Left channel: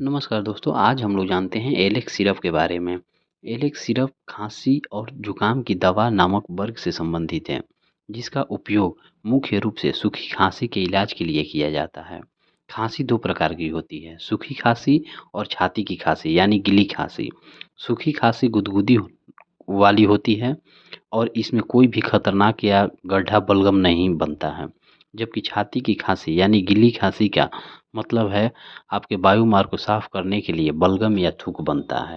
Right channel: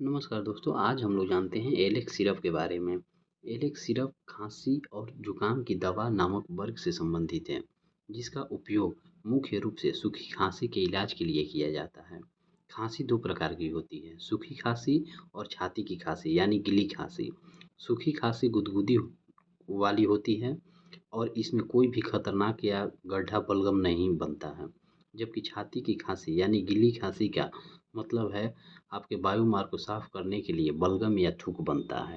नमस्कार दोस्तों, आज हम लोग जानते हैं एलेक्स सिरप के बारे में। एलेक्स सिरप खांसी और जुकाम की दवा नामक वर्ग से संबंधित है, जिसका उपयोग मुख्य रूप से सूखी खांसी के इलाज के लिए किया जाता है। खांसी दो प्रकार की होती है, सूखी खांसी और छाती की खांसी यानी गीली खांसी। सूखी खांसी गुदगुदी वाली होती है और इसमें कोई भी खतरनाक या गड्ढा बलगम नहीं बनता है। जबकि छाती की खांसी यानी गीली खांसी का मतलब है आपके वायुमार्ग को साफ करने के लिए बलगम या थूक बनता है।